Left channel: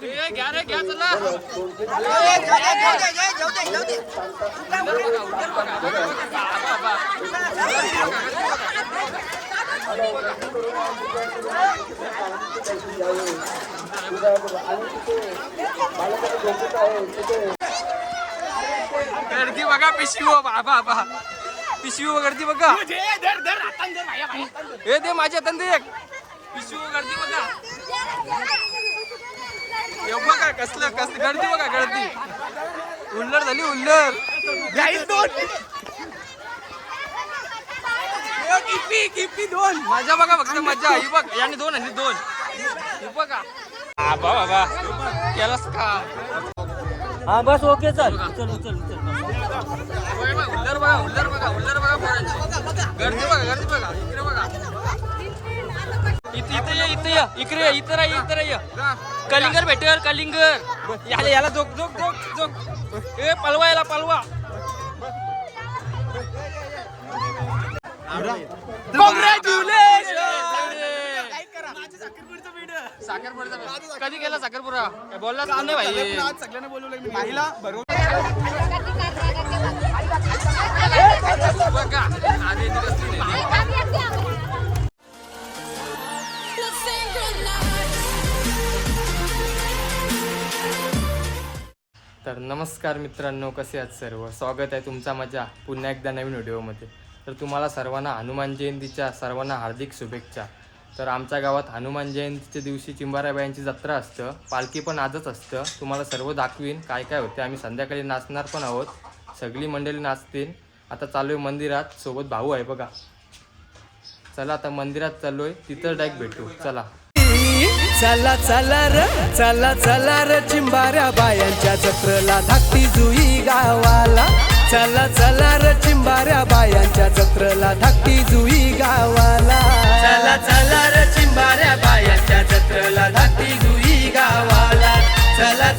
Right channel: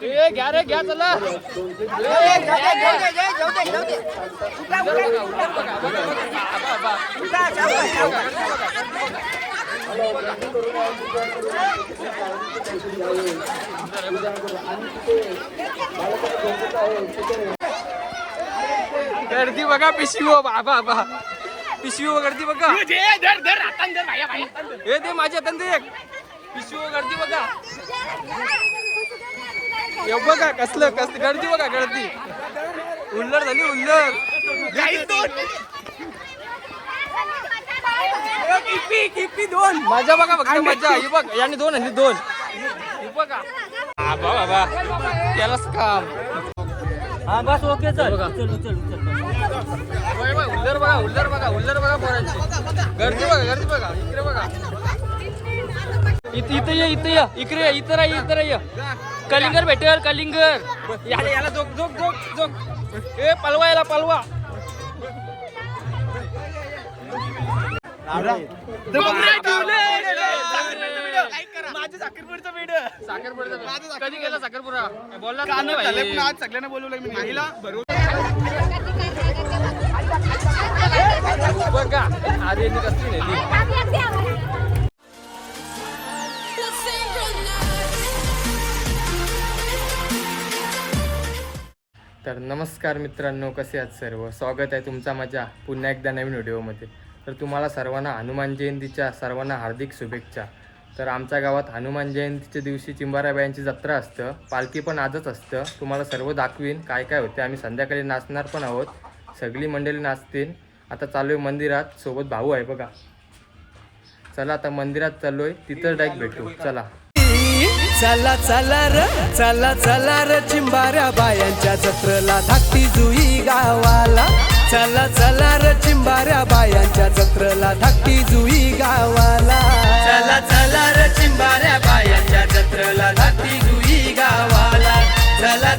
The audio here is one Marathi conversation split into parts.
घ्या रे घ्या चला गर्दी बघा पिशवी बाबा पिशवी गर्दी बघा हे दे माझ्या हातात दे पिशवी गर्दी बघा बघा कसलं गर्दी बघा गर्दी उल्लर झाली उल्लर मजा बघा फक्त मजा ही बघ याने दोन आणि दोन ही बघा बाबा बाबा केलाच काम हा बस ओके चल उल्लर बघा पोरांची गर्दी बघा इकडे बघा इथं ये इथं ये कलिंगर भेटेल कलिंगर याला जोक ए पलवा याला पलवा साखरपुराचा कधी गेला साखरपुरा बोलला सगळ्यांना बोलवलंय मी बघा आधी कसली नेली तर नमस्कार मित्रांनो, कसे आहात सर्व. स्वागत आहे तुमचा माझ्या पुन्हा एकदा नवीन व्हिडिओमध्ये. तर तुम्हाला सर्वांना हनुमान जयंतीच्या सर्वांना हार्दिक शुभेच्छा. तर आमच्या गावात हनुमान जयंतीच्या दिवशी चिंबाराबायांची जत्रा असतं, पालखी पण आजच असतं. तुम्हाला सर्व दाखवीन काय काय होते. आम्ही संध्याकाळी नाचणार पण आहोत, सगळी मंडळी नाचतील. आता चालू आहे मंदिरात, सोबत भाऊ आहे बघा. चला आता मंदिरात चाललोय, तिथं डायरेक्ट भेटू. चला चला चला र चिंबाऱ्या बायांच्या जत्रेला धाकटी जुई गावाला. चला र चिंबाऱ्या बायांच्या जत्रेला धाकटी जुई गावाला. चला र चिंबाऱ्या बायांच्या जत्रेला धाकटी जुई गावाला. चला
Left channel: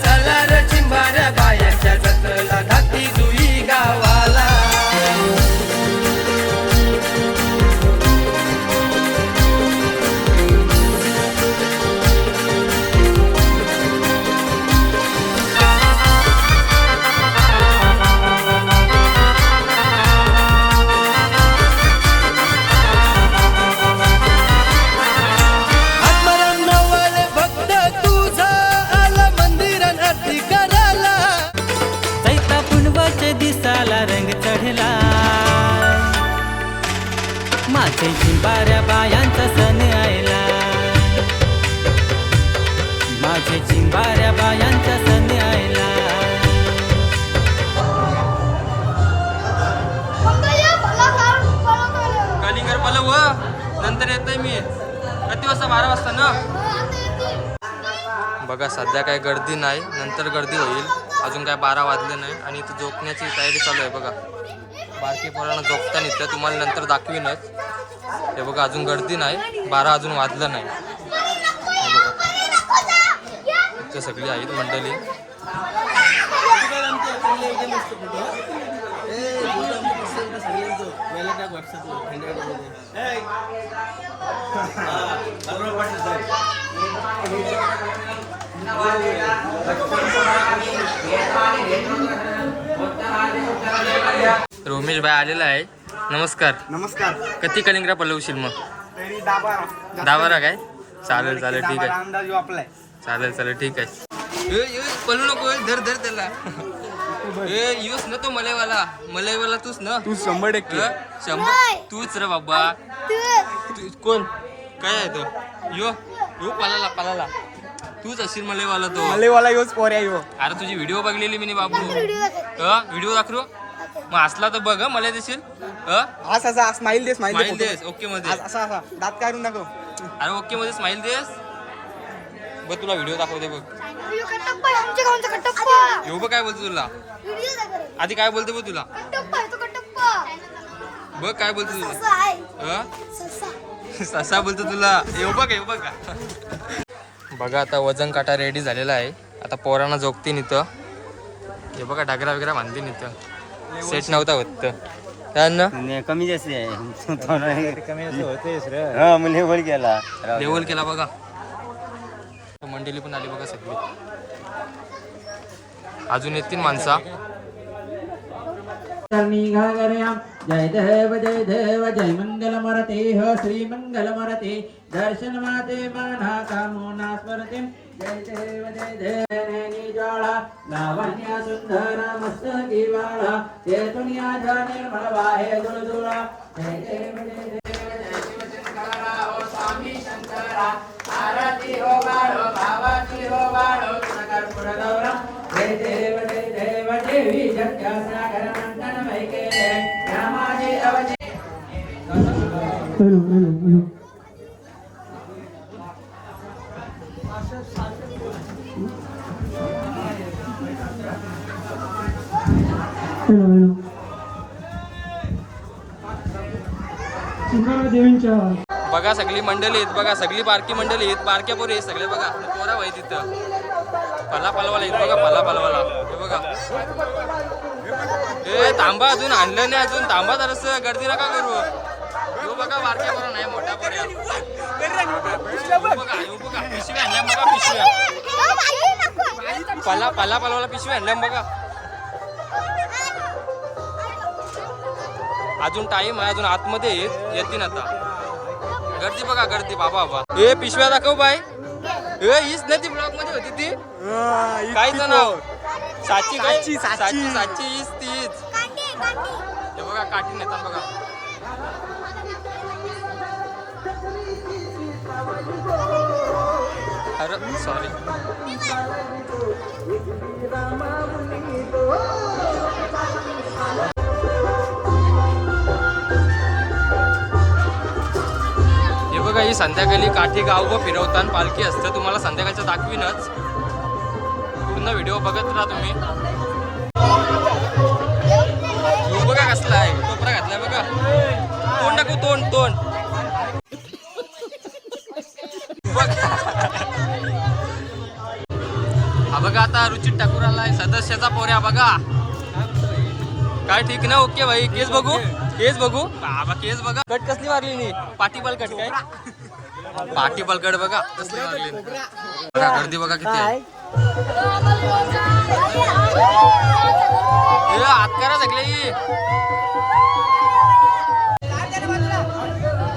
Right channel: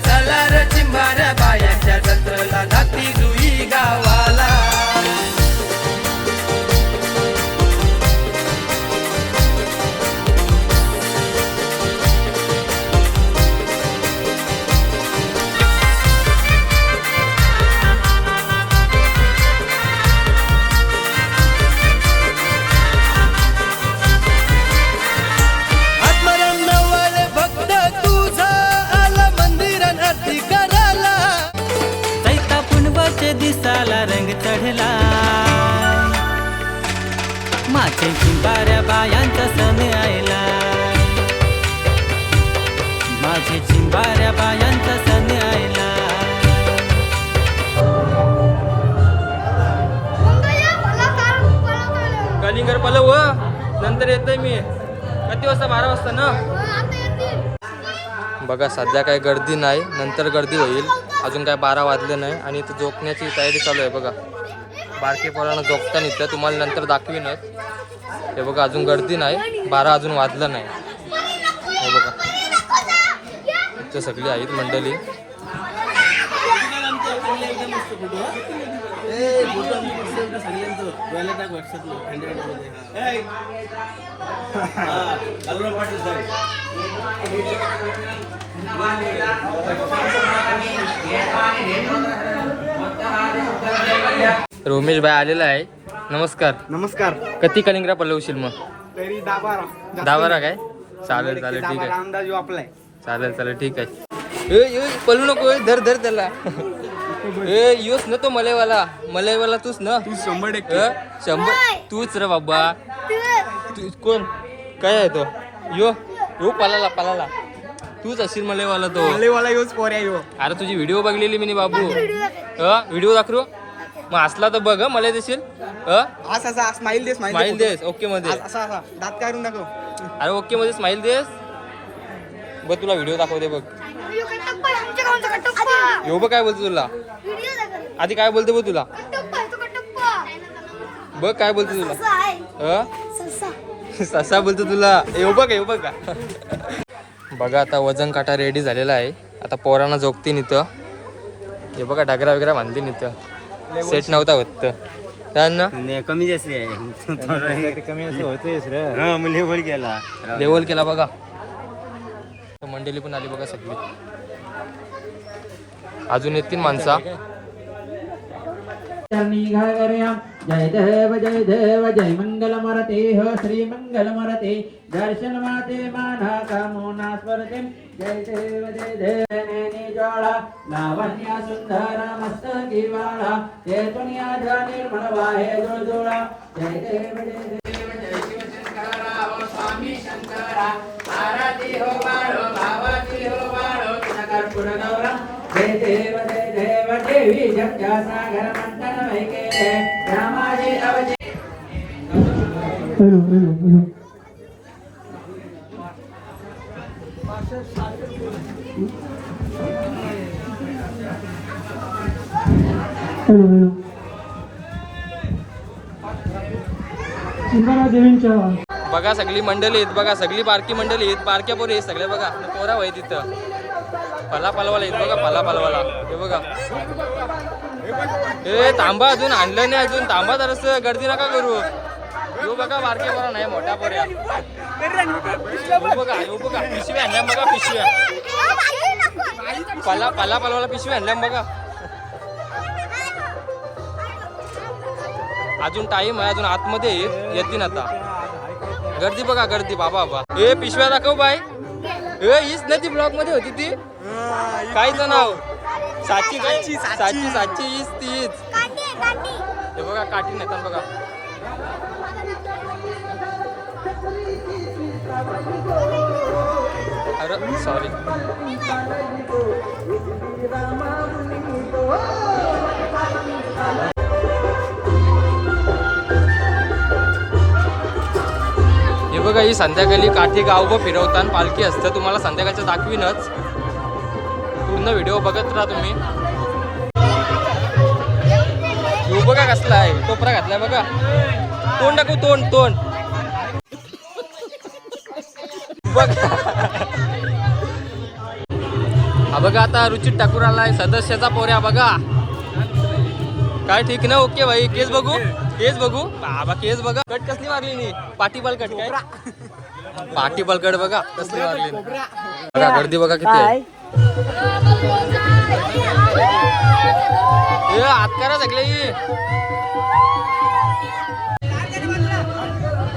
र चिंबाऱ्या बायांच्या जत्रेला धाकटी जुई गावाला. दिसाला रंग चढला माझे चिंबाऱ्या बायांचा सण आयला. माझे चिंबाऱ्या बायांचा सण आयला. कलिंगर पलव नंतर येतोय मी. किती वाजता? 12 वाजता ना. बघा सध्या काही गर्दी नाही, नंतर गर्दी होईल. अजून काय 12 वाजले नाही आणि इथं झोपण्याची तयारी चालू आहे बघा. बारके पोरांना झोपता निघतं, तुम्हाला नंतर दाखवीनच. हे बघा अजून गर्दी नाही, 12 अजून वाजलं नाही. हे बघा इथं सगळी आहेत मंडळी. रोमेश भाई आलेला आहे. नमस्कार. नमस्कार. किती कलिंगरा पलवशील मग? तरी 10-12. 10-12 काय? चालेल ठीक आहे. अंदाज आपलाय. चालेल ठीक आहे. पलू नको, धर त्याला. योच न तो मलईवाला तूच ना. तू 100%. 100 तूच रे बाबा. तू कोण काय आहे तो? यो पालाला तूच असशील मलईवाला तो. मलेवाला योच पोर आहे यो. अरे तुझी व्हिडिओ बघलेली मी बाबू. व्हिडिओ दाखवू मग असला तर बघ मला देशील. असा स्माइल दे. स्माइल देस ओके मध्ये. असा दात काढून दाखव. अरे ओके मध्ये स्माइल देस. बघ तुला व्हिडिओ दाखवते बघ. यो बघ काय बोलते तुला. आधी काय बोलते बघ तुला. बघ काय बोलते तुला. ससा बोलतो तुला. येऊ बघ का. बघा आता वजन काटा रेडी झालेला आहे. आता पोरांना झोपतीन इथं. हे बघा डगरा वगैरे बांधतीन इथं. सेट नव्हता होत कमी लेवल केला बघा. मंडळी पण आली बघा सगळी. अजून येतील माणसा. जय देव जय मंगल मूर्ते हो श्री मंगल मूर्ते दर्शन माते माना कामोना स्मरते जय देव नैनी ज्वाला लावण्या सुंदर मस्तकी वाला तेतून याचा निर्मळ वाहे दुळदुळा जय देव जय शिवशंकरा हो स्वामी शंकरा आरती हो बाळो भावाची हो बाळो कर्पूर गौरम जय देव देवी जगत्या सागर मंथन वैके रामाजी अवजे बघा सगळी मंडळी आहेत बघा. सगळी बारकी मंडळी आहेत. बारक्या पोरी आहेत सगळे बघा. पोरा वय तिथं फला पालवाला आहेत बघा. फला पालवाला हे बघा. हे थांबा अजून आणलं नाही. अजून थांबा जरास गर्दी नका करू. यो बघा बारक्या पोरा नाही मोठ्या पोऱ्या. बघा यो बघा पिशव्या आणल्या बघा. पिशव्या फला पालवाला पिशव्या आणल्या बघा. अजून टाइम आहे. अजून आतमध्ये येतील आता. गर्दी बघा गर्दी बाबा बाबा. ए पिशव्या दाखव बाय. ए हीच ना ती ब्लॉक मध्ये होती ती. कायचं नाव साची काय साची हीच तीच. हे बघा काठी नेतात बघा. अरे सॉरी. हे बघा ही संध्याकाळी काठी गावभर फिरवताना पालखी असतं. तुम्हाला संध्याकाळचं दाखवीनच. पूर्ण व्हिडिओ बघत राहा तुम्ही. हे बघा कसला आहे. टोपरा घातलाय बघा. तोंड टाकू तोंड बघा. हा बघा आता रुचित ठाकूर आलाय. सदस्याचा पोऱ्या बघा. काय ठीक ना. ओके भाई. केस बघू बाबा. केस बघा. कट कसली मारली नी. पाटी बलकट बघा कसली मारली. बघा गर्दी बघा किती आहे. हात करा सगळे.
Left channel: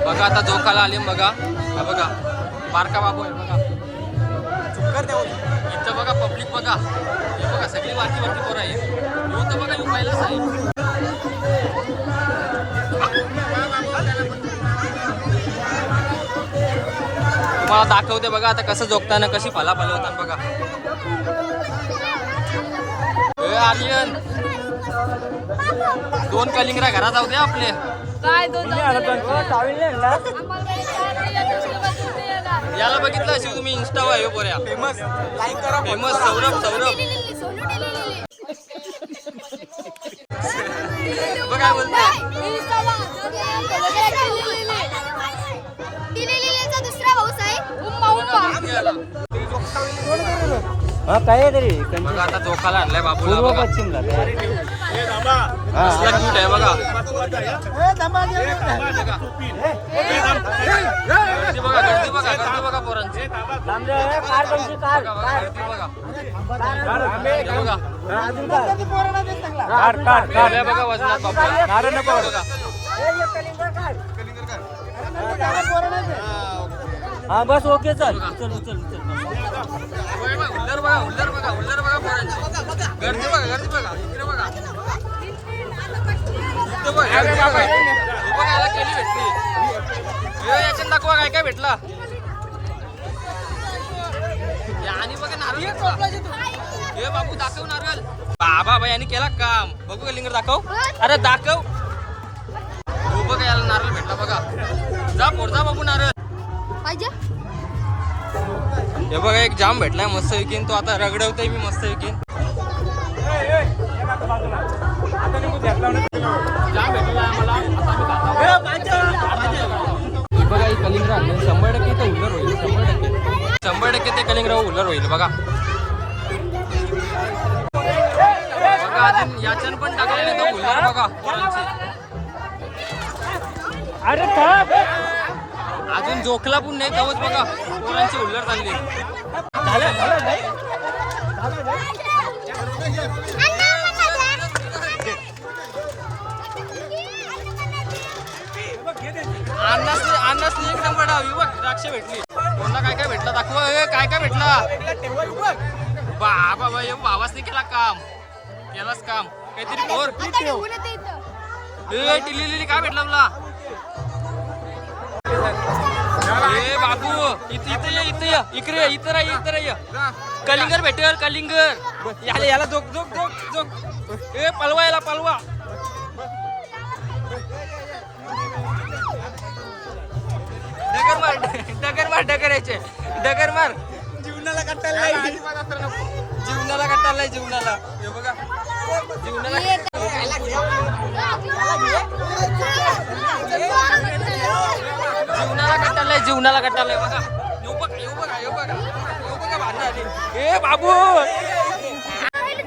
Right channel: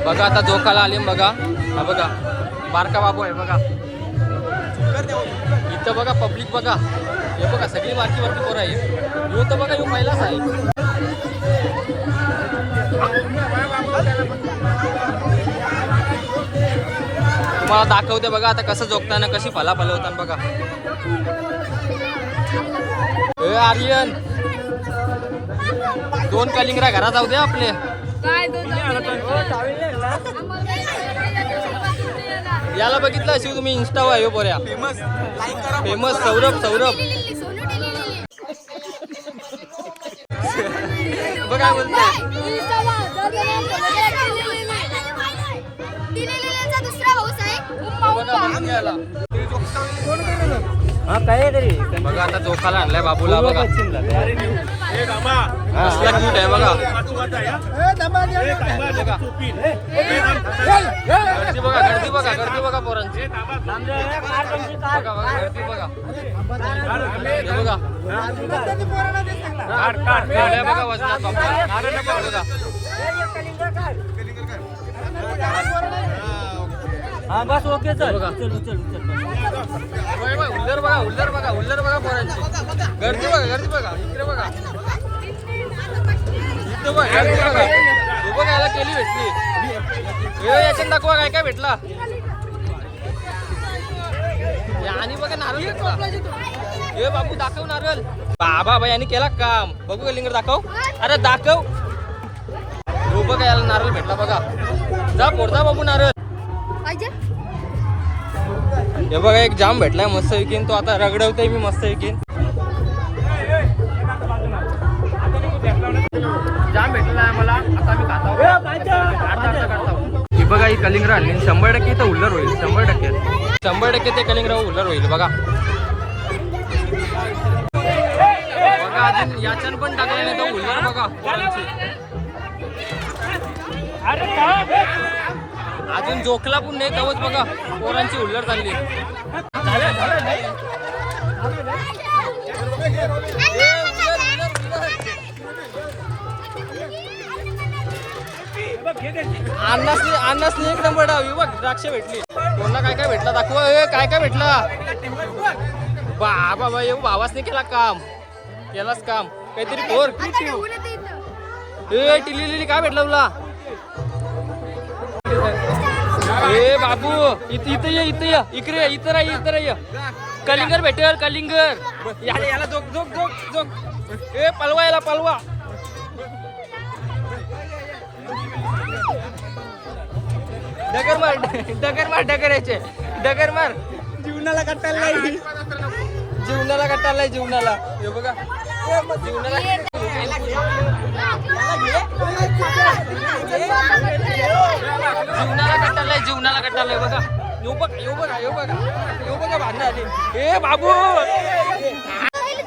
बघा आता जोखाला आले बघा. हा बघा बारका बाबू आहे बघा. इथं बघा पब्लिक बघा. हे बघा सगळी बारकी पोरं आहे. यो तर बघा यो पहिलाच आहे. तुम्हाला दाखवते बघा आता कसं जोगताना कशी फला फलवताना बघा. ए आर्यन 2 कलिंगरा घरात जाऊ दे आपले. याला बघितलं शिव तुम्ही इंस्टावर आहे पोऱ्या. फेमस सौरभ बघा काय बोलतोय. बघा आता जोखाला आणलाय बाबूला बघा. कसला क्यूट आहे बघा. गर्दी बघा पोरांची. बघा गर्दी बघा. बघा वजनात बाबूला बघा. बस ओके चल. हुल्लर बघा पोरांची. गर्दी बघा इकडे बघा. इथं बघा हे बघा. याला केली भेटली. याच्यात दाखवा काय भेटला. आणि बघा नारळ घेतला. हे बाबू दाखव नारळ. बाबा बाई यांनी केला काम. बघू कलिंगड दाखव. अरे दाखव. हो बघा याला नारळ भेटला बघा. जा पोरदा बाबू नारळ. हे बघा एक जाम भेटलाय मस्त विकीन. तो आता रगडवतोय मी मस्त विकीन. जाम भेटलेला आहे मला. आता मी खातो. ही बघा ही कलिंगरा आणली. 100% इथं हुल्लर होईल. 100% ते कलिंगरा हुल्लर होईल बघा. बघा अजून याच्यान पण टाकलं नाही तर हुल्लर बघा. अजून जोखला पण नाही तवच बघा पोरांची हुल्लर चालली. अन्नासनी एक नंबर डावी बघ द्राक्ष भेटली. कोणाला काय काय भेटला दाखव. काय काय भेटला बाबा बाई भावासने केला काम. केलास काम काहीतरी पोर. टिली काय भेटलं तुला. ए बाबू इथं ये इकडे इथं ये. कलिंगर भेटेल कलिंगर. याला जोक. ए पलवा याला पलवा. डगर यायचे डगर मार. जीवनाला कट्टाला जीवनाला हे बघा जीवनाला कट्टालाय बघा. येऊ बघा भांडण आली. ए बाबू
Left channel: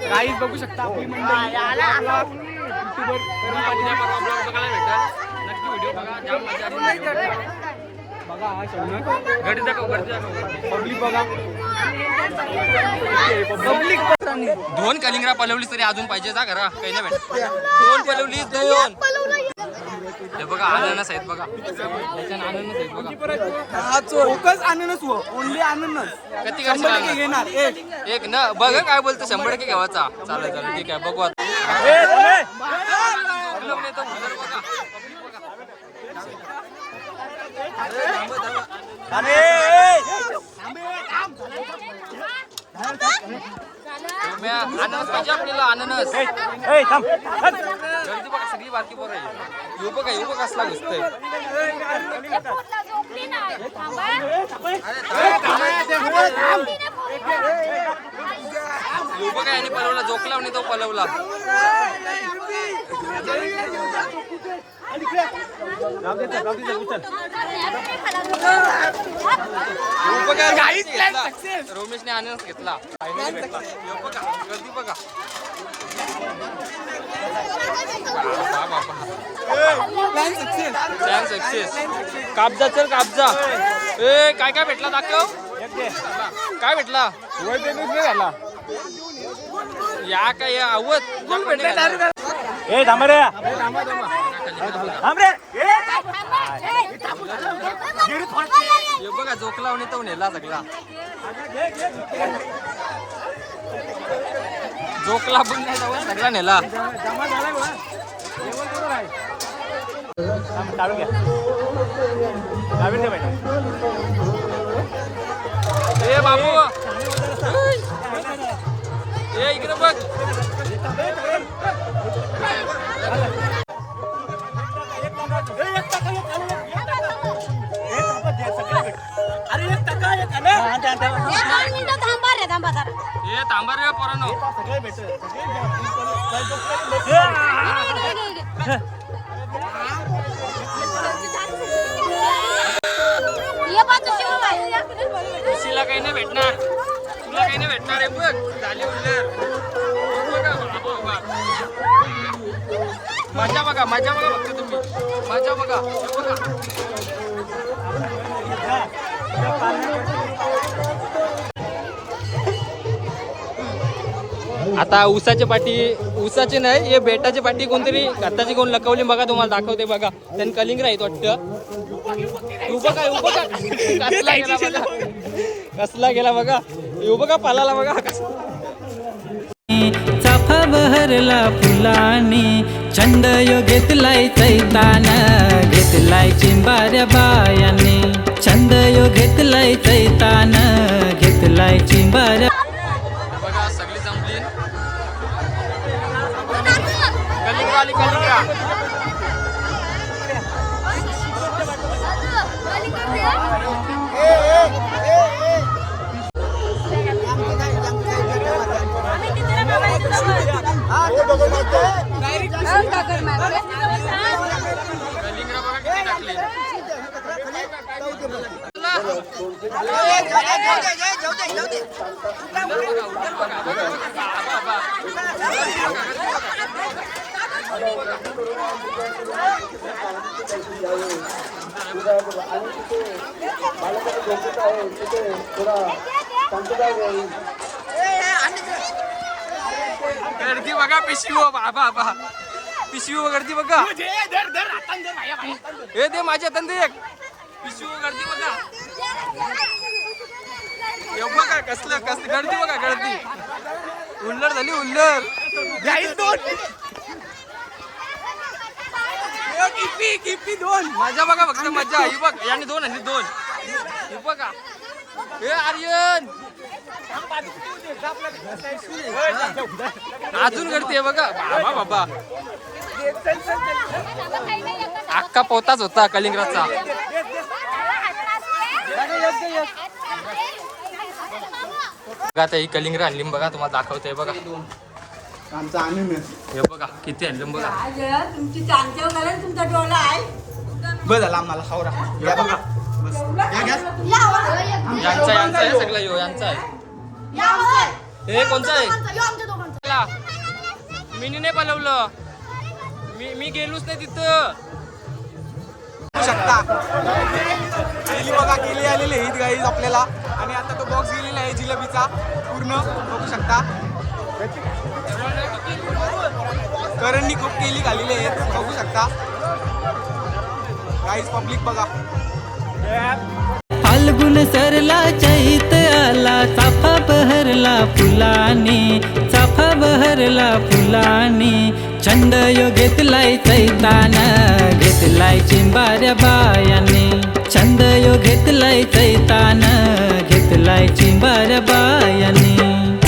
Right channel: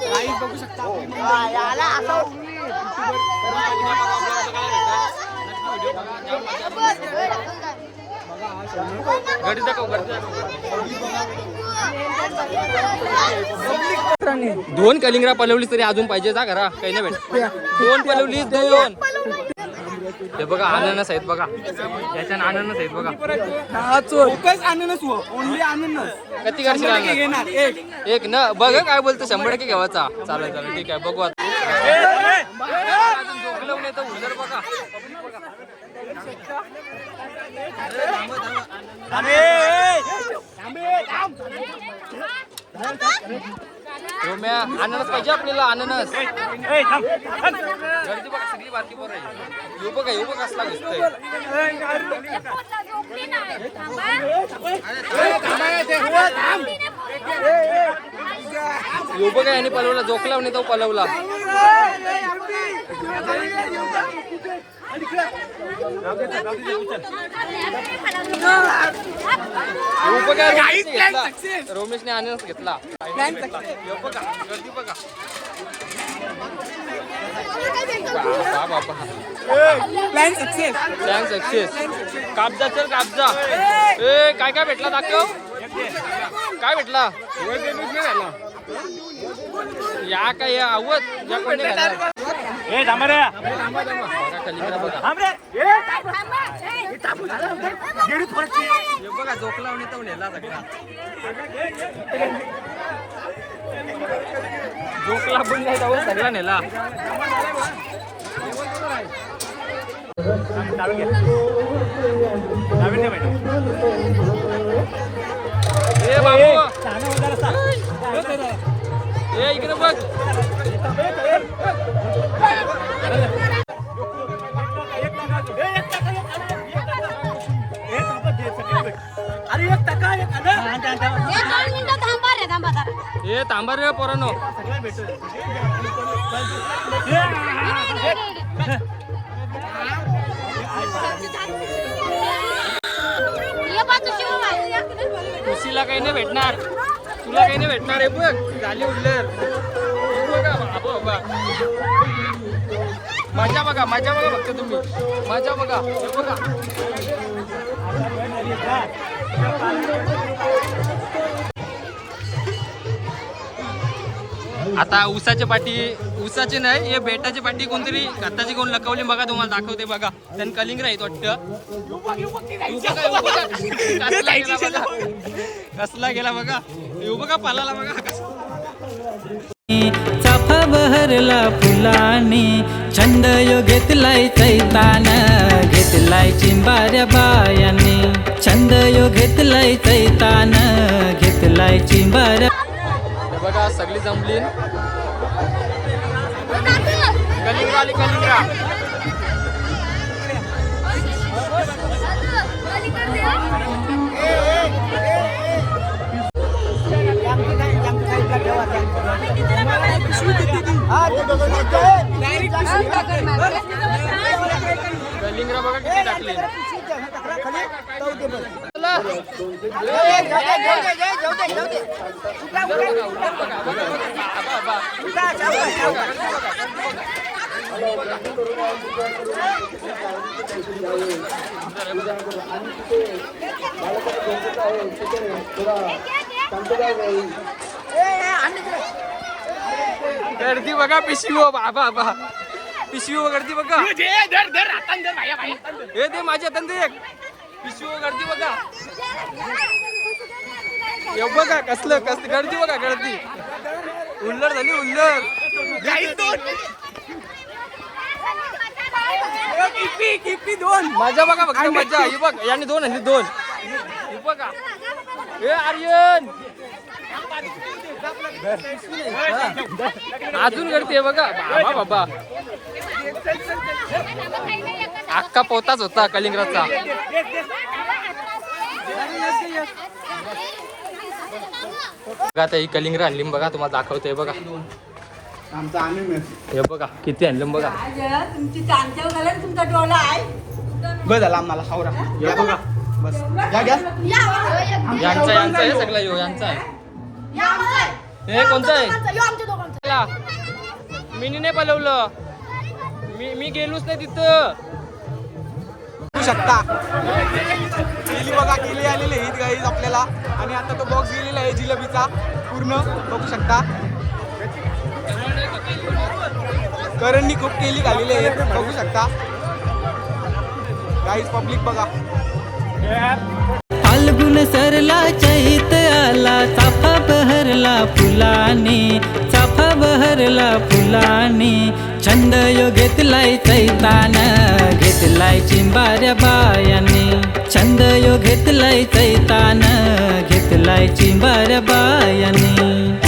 गाईस बघू शकता आपली मंडळी युट्यूबर करून पाटील परवा ब्लॉग बघायला भेटेल. नक्की व्हिडिओ बघा. जाम मजा आली. बघा हा शौनक घडी दाखव पब्लिक बघा. पब्लिक 2 कलिंगरा पलवली तरी अजून पाहिजे जा घरा काही नाही भेट. 2 पलवली 2. हे बघा अननस आहेत बघा. याच्यानं अननस आहेत बघा. फोकस अननस हो. ओनली अननस. किती करशील. एक ना बघ काय बोलतो 100% घेवायचा. चालेल ठीक आहे बघू आता. झोकलवून येतं उजर बघा. पब्लिक बघा. अननस पाहिजे आपल्याला. अननस गर्दी बघा सगळी बारकी पोरं आहे. येऊ बघा कसला दिसतंय. येऊ बघा यांनी पलवला. जोकला नाही तो पलवला. रोमेशने अननस घेतला. गर्दी बघा. Plan success. कापजा चल कापजा. ए काय काय भेटला दाखव. काय भेटला या काय आवत या कोणी घालणार. कलिंगरा बघा. हे बघा जोकला तो नेला सगळा. जोकला पण नाही जाऊ सगळा नेला. ए बाबू ए इकडे बघ. ए थांबा रे पोरांनो. खुशीला काही नाही भेटणार. तुला काही नाही भेटणार आहे पण बघा. मजा बघा फक्त तुम्ही. मजा बघा हे बघा. आता ऊसाचे नाही हे बेटाची पाठी कोणतरी घाताची कोण लकवली बघा. तुम्हाला दाखवते बघा. त्यांनी कलिंगरा आहेत वाटतं. कसला गेला बघा. बघा पालाला बघा. चाफा बहरला फुलाने छंद यो घेतलाय चैतान. घेतलाय चिंबाऱ्या बायाने छंद यो घेतलाय चैतान. घेतलाय चिंबाऱ्या. बघा सगळी जमली. कलिंगरा आली कलिंगरा. कलिंगरा बघा किती टाकले. गर्दी बघा पिशवी बाबा पिशवी गर्दी बघा हे दे माझ्या हातात दे पिशवी गर्दी बघा हे बघा कसलं गर्दी बघा गर्दी उल्लर झाली उल्लर मजा बघा फक्त मजा ही बघ याने 2 आणि 2 ही बघा हे आर्यन अजून करते बघा बाबा अख्खा पोताच होता कलिंगराचा आता ही कलिंगर आणली बघा तुम्हाला दाखवते बघा आमचा अननस हे बघा किती आणलं बघा तुमची चांगल्या घालायला तुमचा डोला आहे बस झाला आम्हाला खावरा हे बघा बस या गॅस यांचा आहे सगळं यो यांचा आहे हे कोणचं आहे मी नाही पलवलं मी गेलोच नाही तिथं बघू शकता केली बघा केली आलेली आहे ही गाईज आपल्याला आणि आता तो बॉक्स गेलेला आहे जिलेबीचा पूर्ण बघू शकता करणनी खूप केली घालेली आहे बघू शकता गाईज पब्लिक बघा फाल्गुन सरला चैत आला चाफा बहरला फुलाने चाफा बहरला फुलाने छंद यो घेतलाय चैतान घेतलाय चिंबाऱ्या बायाने छंद यो घेतलाय चैतान घेतलाय चिंबाऱ्या बायाने